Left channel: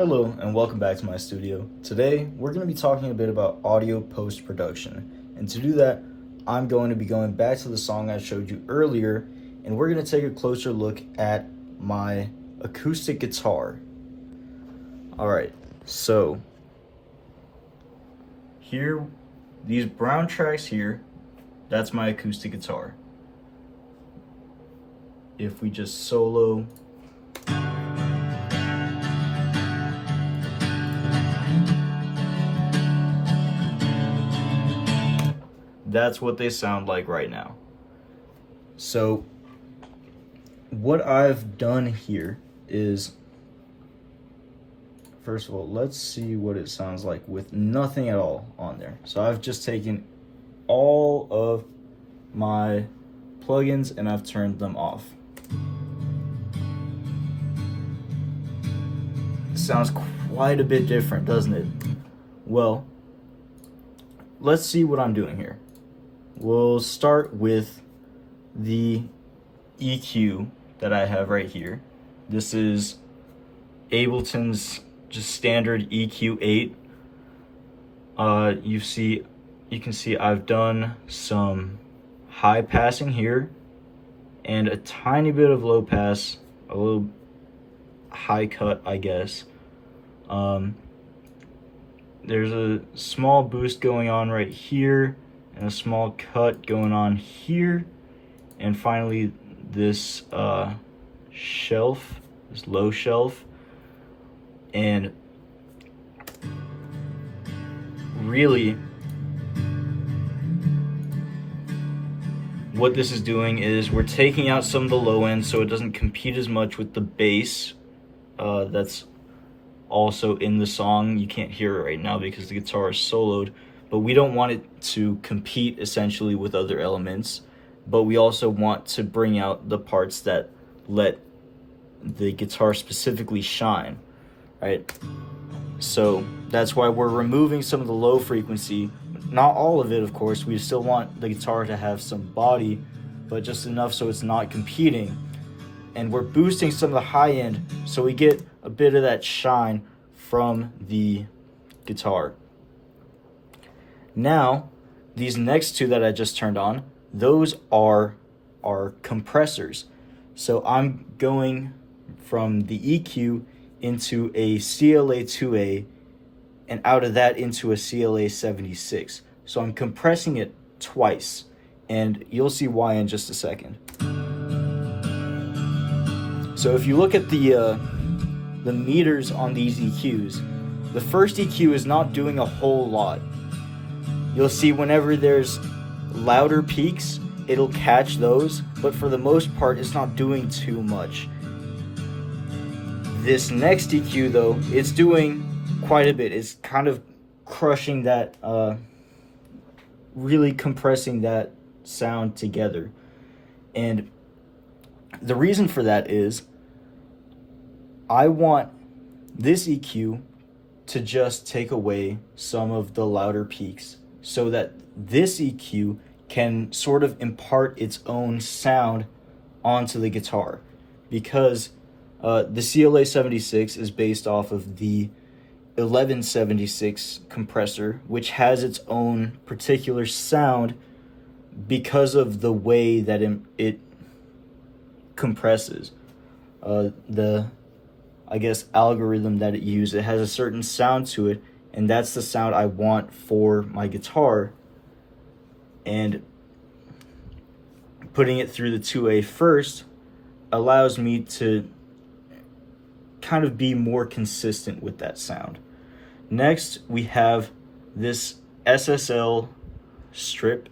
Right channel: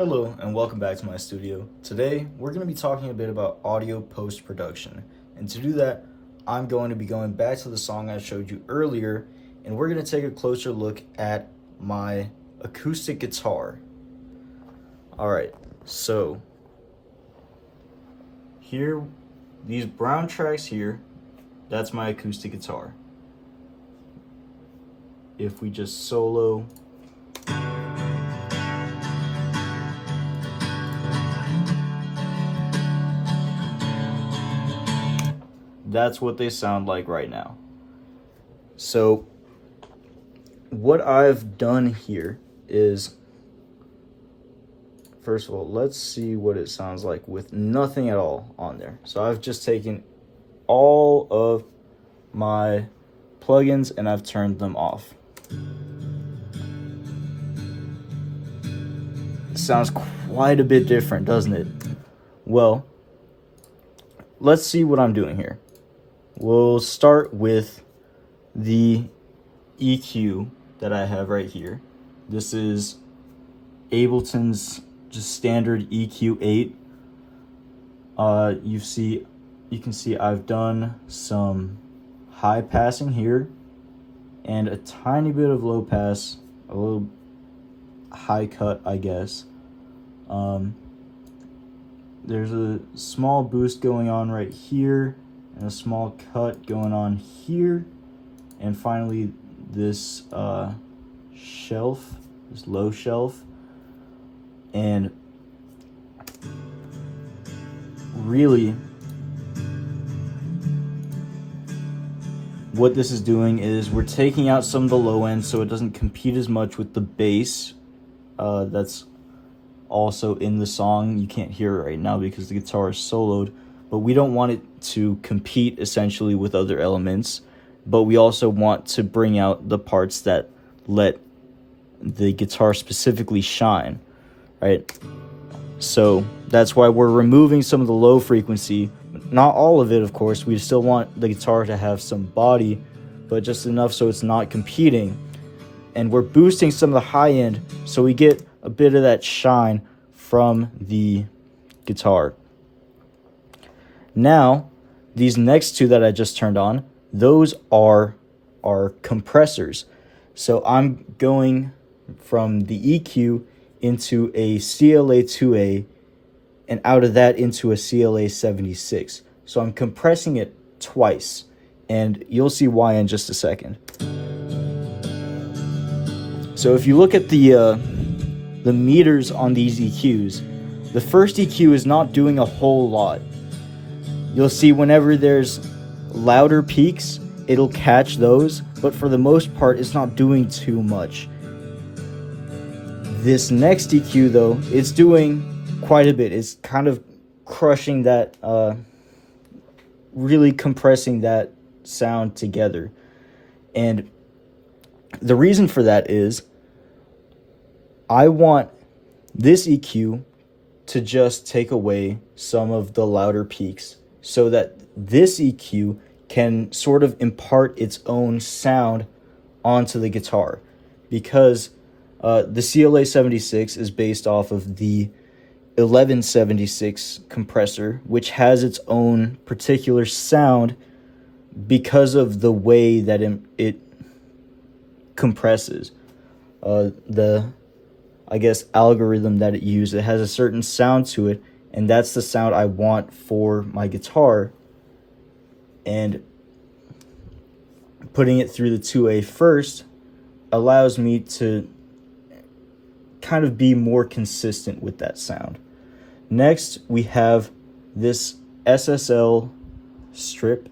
Hello and welcome back to my studio. Today we're going to be talking a bit about audio post-production, and to do that I'm going to be going back to the song I showed you earlier, and we're going to take a closer look at my acoustic guitar. Alright, so here, these brown tracks here, that's my acoustic guitar. If we just solo, that's what they sound like right now. So what I've done here is, first of all, let's see what it sounds like with nothing at all on there. So I've just taken all of my plugins and I've turned them off. It sounds quite a bit different, doesn't it? Well, let's see what I'm doing here. We'll start with the EQ that I have right here. This is Ableton's just standard EQ8. You can see I've done some high passing here and a tiny bit of low pass, a little high cut, I guess. There's a small boost going on right here and a small cut going on here, and finally this shelf, this low shelf. And really what this is doing is we're taking out some of the low end so it doesn't compete as much with the bass that's also in the song. You can't hear it right now because the guitar is soloed, but we don't want it to compete essentially with other elements, but we also want to bring out the parts that let the guitar specifically shine, right? So that's why we're removing some of the low frequency, not all of it, of course. We still want the guitar to have some body, but just enough so it's not competing. And we're boosting some of the high end so we get a bit of that shine from the guitar. Now, these next two that I just turned on, those are our compressors. So I'm going from the EQ into a CLA2A and out of that into a CLA76. So I'm compressing it twice, and you'll see why in just a second. So if you look at the meters on these EQs, the first EQ is not doing a whole lot. You'll see whenever there's louder peaks, it'll catch those, but for the most part, it's not doing too much. This next EQ, though, it's doing quite a bit. It's kind of crushing that, really compressing that sound together. And the reason for that is I want this EQ to just take away some of the louder peaks so that this EQ can sort of impart its own sound onto the guitar, because the CLA76 is based off of the 1176 compressor, which has its own particular sound because of the way that it compresses. The, I guess, algorithm that it uses, it has a certain sound to it, and that's the sound I want for my guitar. And putting it through the 2A first allows me to kind of be more consistent with that sound. Next, we have this SSL strip,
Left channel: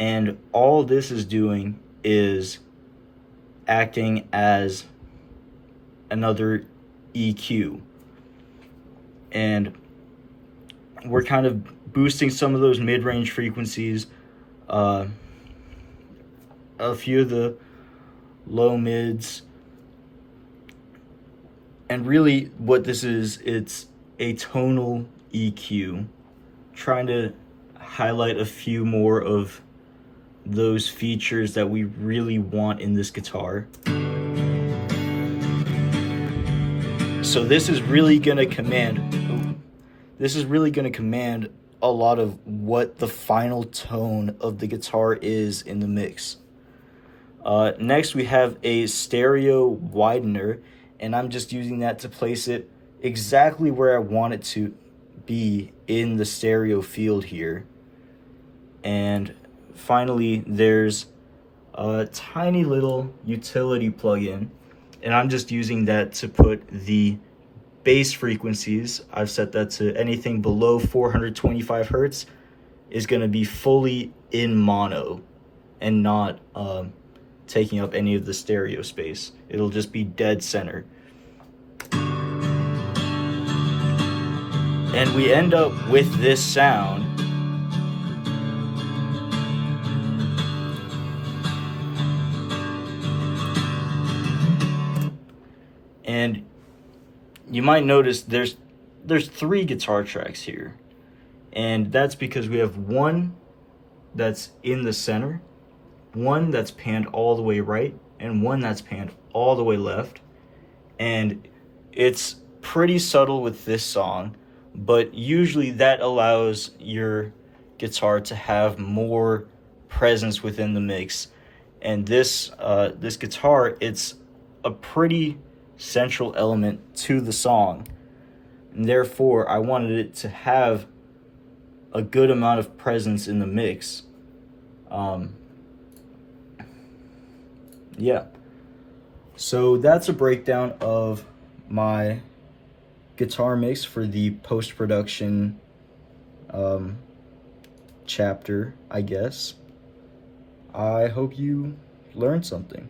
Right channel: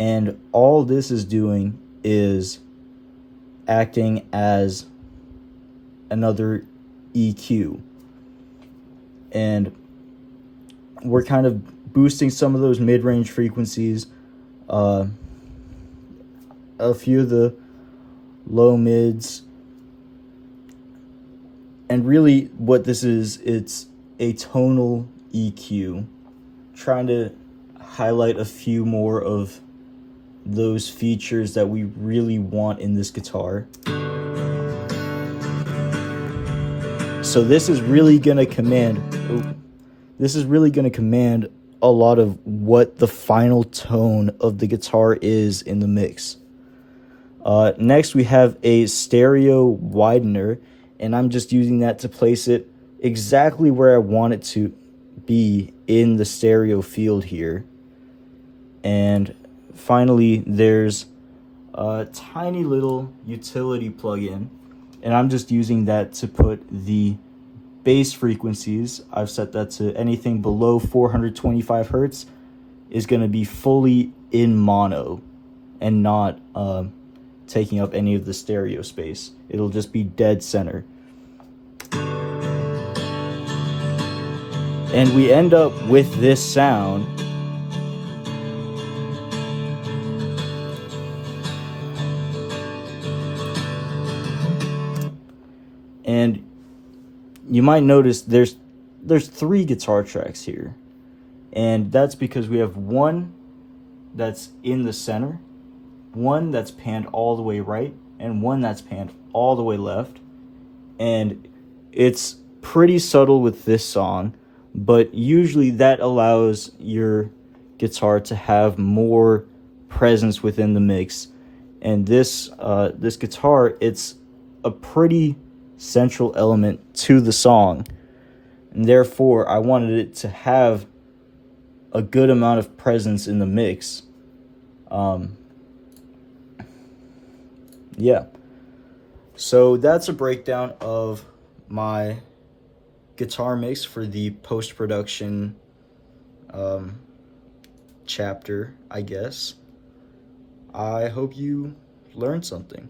and all this is doing is acting as another EQ, and we're kind of boosting some of those mid-range frequencies, a few of the low mids, and really what this is, it's a tonal EQ, trying to highlight a few more of those features that we really want in this guitar. So this is really gonna command. This is really gonna command a lot of what the final tone of the guitar is in the mix. Next, we have a stereo widener, and I'm just using that to place it exactly where I want it to be in the stereo field here. And finally, there's a tiny little utility plugin, and I'm just using that to put the bass frequencies. I've set that to anything below 425 hertz is going to be fully in mono and not taking up any of the stereo space. It'll just be dead center. And we end up with this sound. And you might notice there's 3 guitar tracks here. And that's because we have one that's in the center, one that's panned all the way right, and one that's panned all the way left. And it's pretty subtle with this song, but usually that allows your guitar to have more presence within the mix. And this guitar, it's a pretty central element to the song, and therefore I wanted it to have a good amount of presence in the mix. Yeah, so that's a breakdown of my guitar mix for the post-production chapter, I guess. I hope you learned something.